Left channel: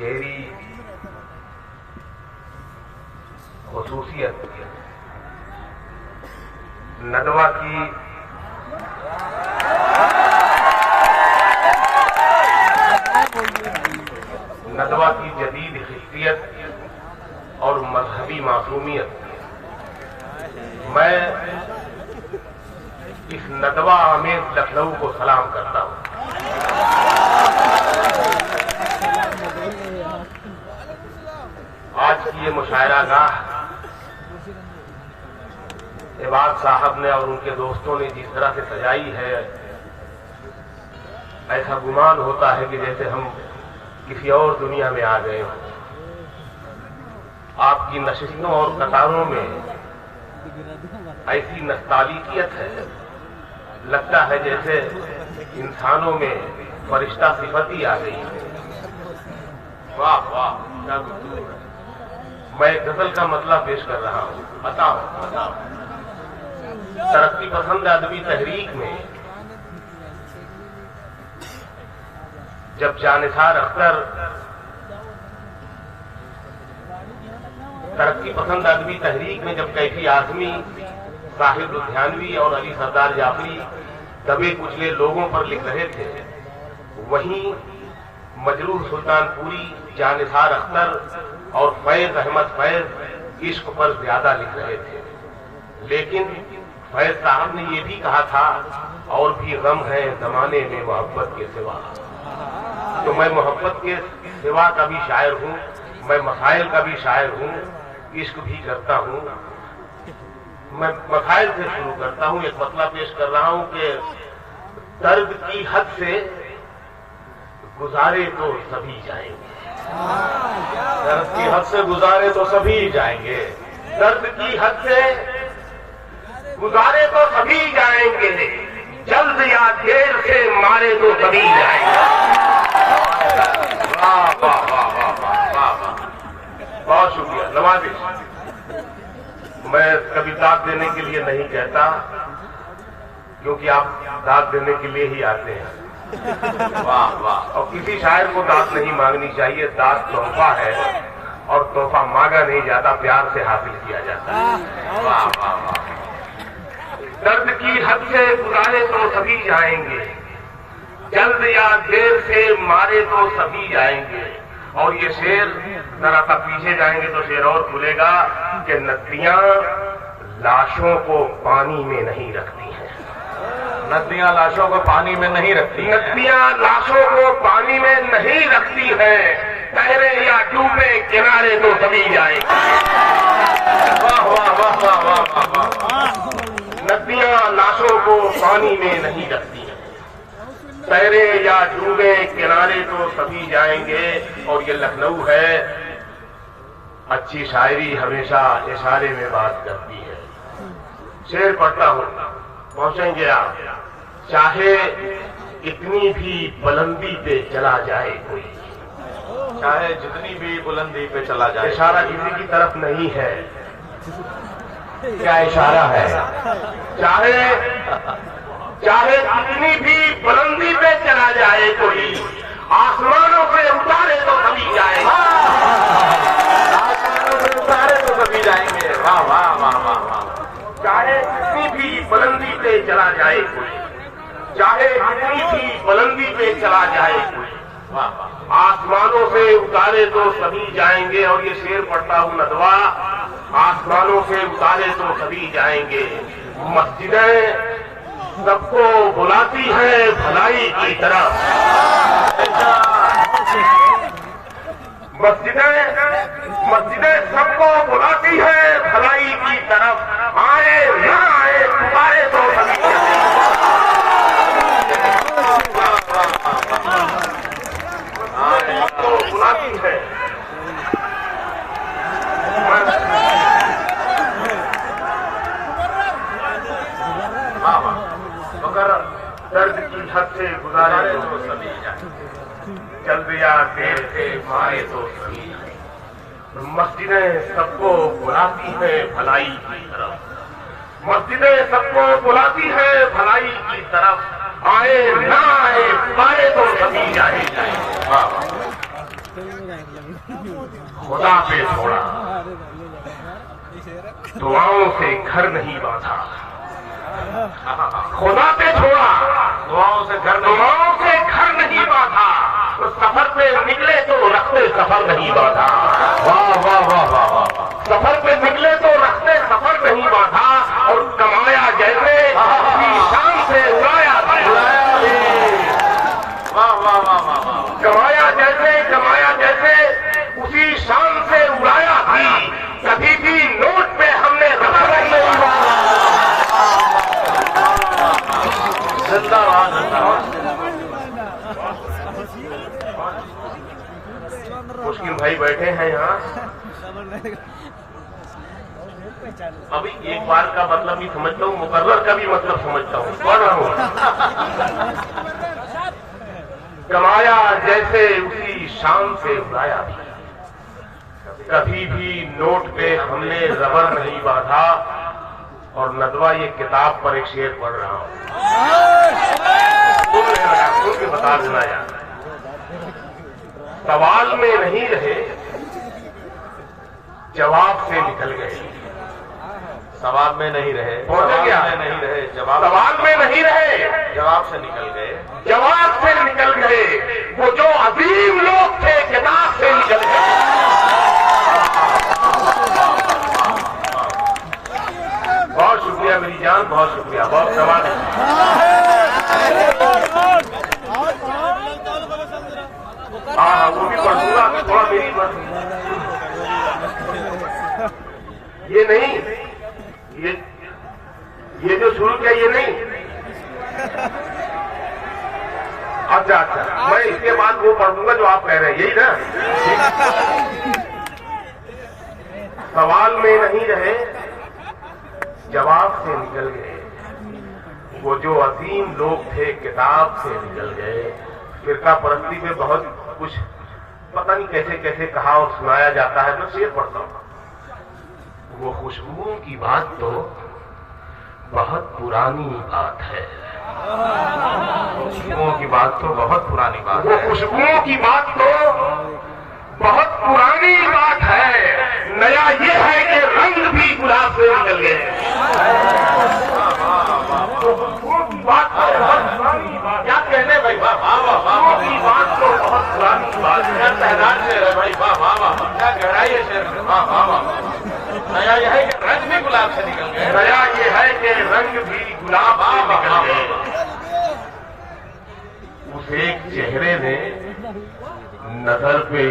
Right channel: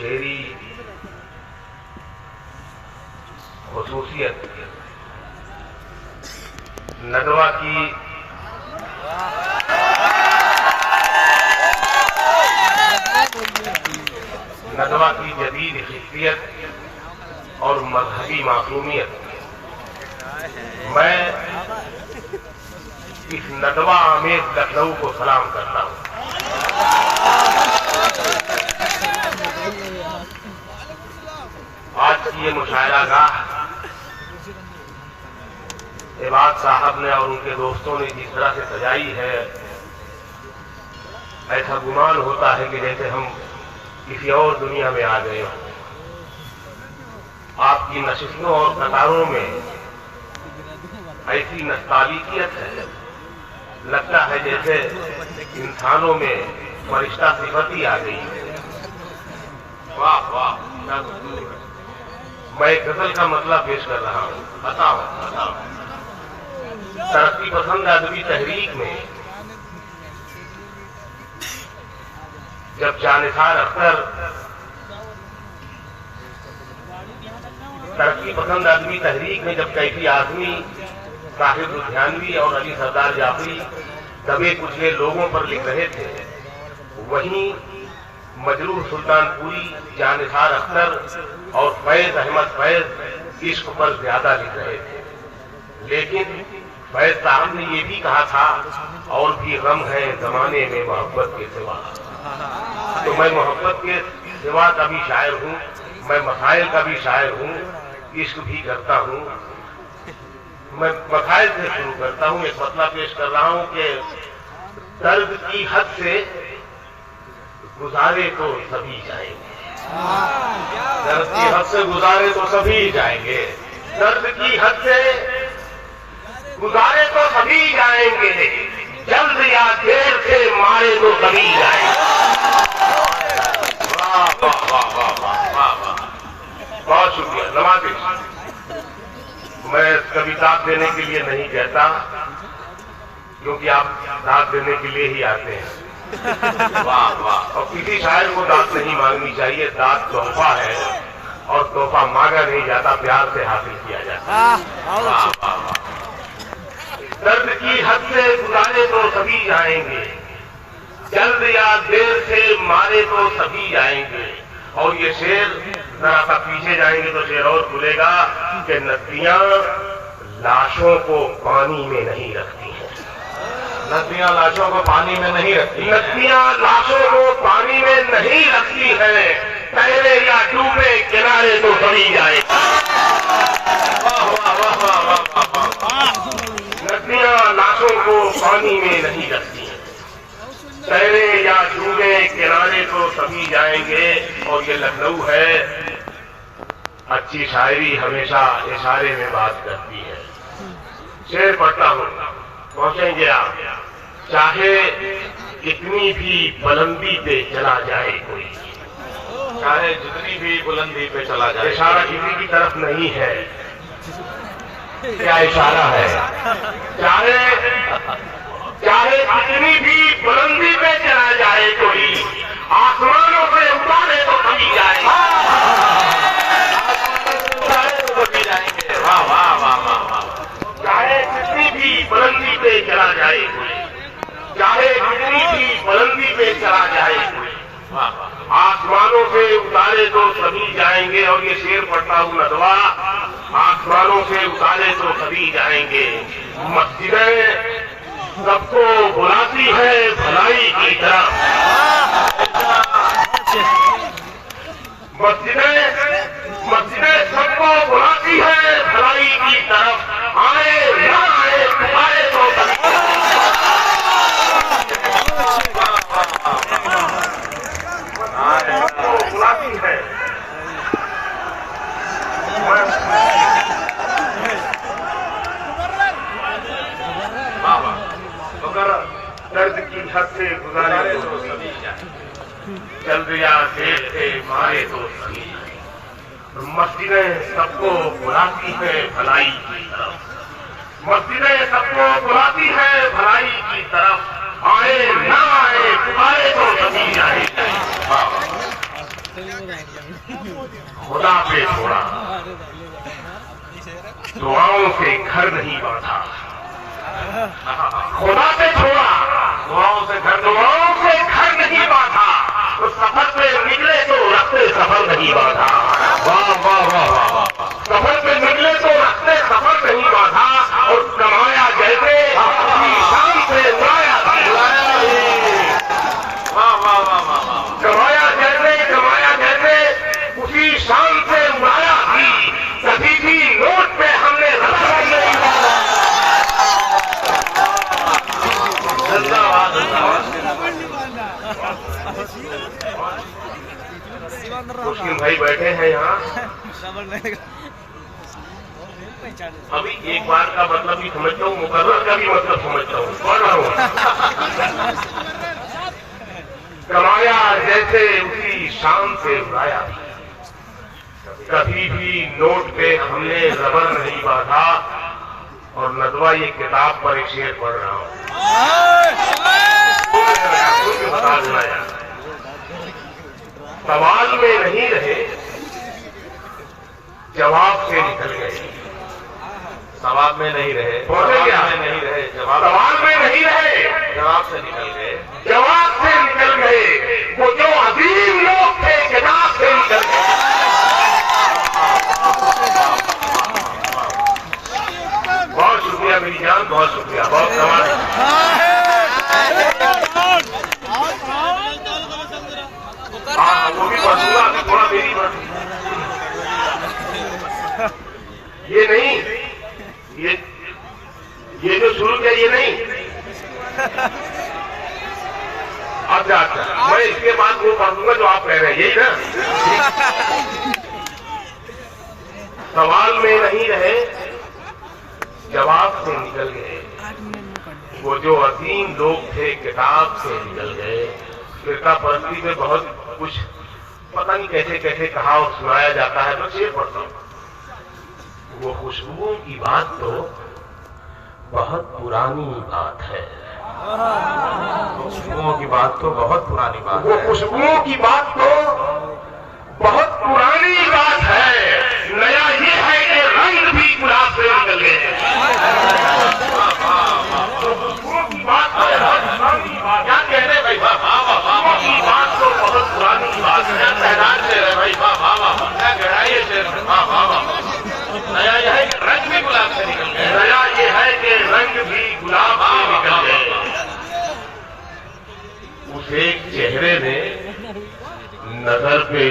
शेरी खुसूसियत नदवा की जदीद हिस्सियत और मजहबी मासूमियत। मैं इस नदवा आमेज लखनऊ को सलाम करता हूँ। आज की ये मुशायरागाह इबाद साहब ने और उनके दोस्तों ने जिस तरह से सजाई है, ऐसा गुमान होता है कि जैसे हम किसी और दुनिया में आ गए। आपकी नशिस्तों और कतारों में ऐसी नस्तालिकियत है, लगता है जैसे इंसानों में फरिश्ता सिफती आ गई है। वाह वाह, क्या मैं गजल का मतलब पेश कर रहा हूँ। बताओ तरक्की पसंद आदमी तहरीक में जब जानिसार अख्तर तरक्की पसंद आदमी तहरीक में जब कैफी आदमी साहिब लुधियानवी और अली सरदार जाफरी दबे कुचले लोगों पर लिख रहे थे, वहीं मजरूह सुल्तानपुरी, जानिसार अख्तर और फैज अहमद फैज इश्क पर ज्यादा लिख रहे थे। लेकिन फैज साहब ने ये भी कहा था, और भी गम है जमाने में मोहब्बत के सिवा। तो मैं मोहब्बत के सिवा का भी शायर हूँ, मैं मसाइल का भी शायर हूँ, इश्क भी करता हूँ। मैं मसाइल से शुरू करता हूँ। एक मतला पेश कर रहा हूँ कि दर्द की हद से गुजारे तो सभी जाएंगे। दर्द की हद से गुजारे तो सभी जाएंगे। दर्द की हद से गुजारे तो सभी जाएंगे, जल्द या देर से मारे तो सभी जाएंगे। वाह वाह वाह वाह वाह वाह, बहुत शुक्रिया। नवाजिश, मैं कभी दाद देने के लिए नहीं कहता, क्योंकि आप दाद देने के लिए ही आते हैं। वाह वाह। और किसी शायर को दाद नहीं मांगनी चाहिए, दाद तोहफा है और तोहफा मांगा नहीं जाता, प्यार से हासिल किया जाता है। वाह वाह वाह। दर्द की हद से गुजारे तो सभी जाएंगे, जल्द या देर से मारे तो सभी जाएंगे। और ये शेर जरा सा पीछे जाएंगे तो शेर और खुलेगा कि नदियां लाशों को पानी में नहीं रखती हैं। नदियां लाशों को पानी में नहीं रखती। नदियां लाशों को पानी में नहीं रखती हैं, तैरे या डूबे किनारे तो सभी जाएंगे। वाह वाह वाह वाह वाह वाह। नदियां लाशों को पानी में नहीं रखती हैं, तैरे या डूबे किनारे तो सभी जाएंगे। और ये लखनऊ है, अच्छी शायरी हमेशा इशारे में बात करती है। शेर पढ़ता हूँ, पहुंचेंगे आप। चाहे कितनी भी बुलंदी पे चला जाए कोई, चाहे जितनी भी बुलंदी पे चला जाए, इशारा किसी की तरफ नहीं है। क्या इशारा है? चाहे जितनी भी बुलंदी पे चला जाए कोई, आसमानों से उतारे तो सभी जाएंगे। आसमानों से उतारे तो सभी जाएंगे। वाह वाह वाह वाह वाह। चाहे जितनी भी बुलंदी पे चला जाए कोई, चाहे जितनी भी बुलंदी पे चला जाए कोई, वाह, आसमानों से उतारे तो सभी जाएंगे। और ये शेर पढ़ता हूँ नदवा, आसमानों से उतारे तो सभी जाएंगे। मस्जिदें सबको बुलाती है भलाई की तरफ, मस्जिदें सबको बुलाती है भलाई की तरफ। आए ना आए पुकारे तो सभी, आए सबको बुलाती है। मगर दर्द की हद से गुजारे तो सभी जाए, जल्द या देर से मारे तो सभी। मस्जिदें सबको बुलाती है भलाई की तरफ, मस्जिदें सबको बुलाती है भलाई की तरफ। आए ना आए पुकारे तो सभी जाए। खुदा पे छोड़ा, दुआओं से घर नहीं बांधा। खुदा पे छोड़ा, दुआओं से घर नहीं बांधा। तो सफर पे निकले तो रखते सफर नहीं बांधा। वाह वाह वाह वाह वाह। सफर पे निकले तो रखते सफर नहीं बांधा। और कमाया जैसे अपनी शान से उड़ाया था। वाह वाह वाह वाह। कमाया जैसे उसी शान से उड़ाया थी। कभी भी नोट पे हमने रकम नहीं बांधा। मुश्किल भाई बैठे हैं यहाँ। अभी एक बार का मतलब भी समझता हूँ, मुकर्रर का भी मतलब समझता हूँ। कौन कमाया जैसे उसी शान से उड़ाया। कभी भी नोट पे हमने रबर नहीं बांधा। और नदवा ये किताब पर एक शेर पढ़ रहा हूँ। बता दूंगा यार, सवाल में नहीं रहे जवाब से निकल गए। सवाल में नहीं रहे, सवाल में नहीं रहे, जवाब से निकल गए। वो जो अजीम लोग थे किताब से निकल गए। बहुत शुक्रिया मेरी जान, बहुत शुक्रिया, बहुत सवाल। हाँ वो भी पढ़ूंगा, थोड़ा मेरी ये नहीं, ये जो शुरू किया ये नहीं। अच्छा, मैं इसके बाद वो पढ़ूंगा जो आप कह रहे हैं, यही ना। सवाल में नहीं रहे जवाब से निकल गए। वो जो अजीम लोग थे किताब से निकल गए। फिरका परस्ती में बहुत कुछ पता नहीं कैसे कैसे कहा और सुनाया जाता है। मैं शेर पढ़ता हूँ। वो खुशबुओं की बात तो बहुत पुरानी बात है। खुशबुओं की बात तो बहुत पुरानी बात वो है। खुशबुओं की बात तो बहुत पुरानी बात है। नया ये है कि रंग भी गुलाब से निकल गए। खुशबुओं की बात तो बहुत पुरानी बात। क्या कह रहे भाई? खुशबुओं की बात तो बहुत पुरानी बात है। तैनात से रहे भाई। क्या गहराई है शेर में। नया यह है कि रंग भी गुलाब से निकल गए। नया ये है कि रंग भी गुलाब से निकल गए। उस एक चेहरे ने नजर पे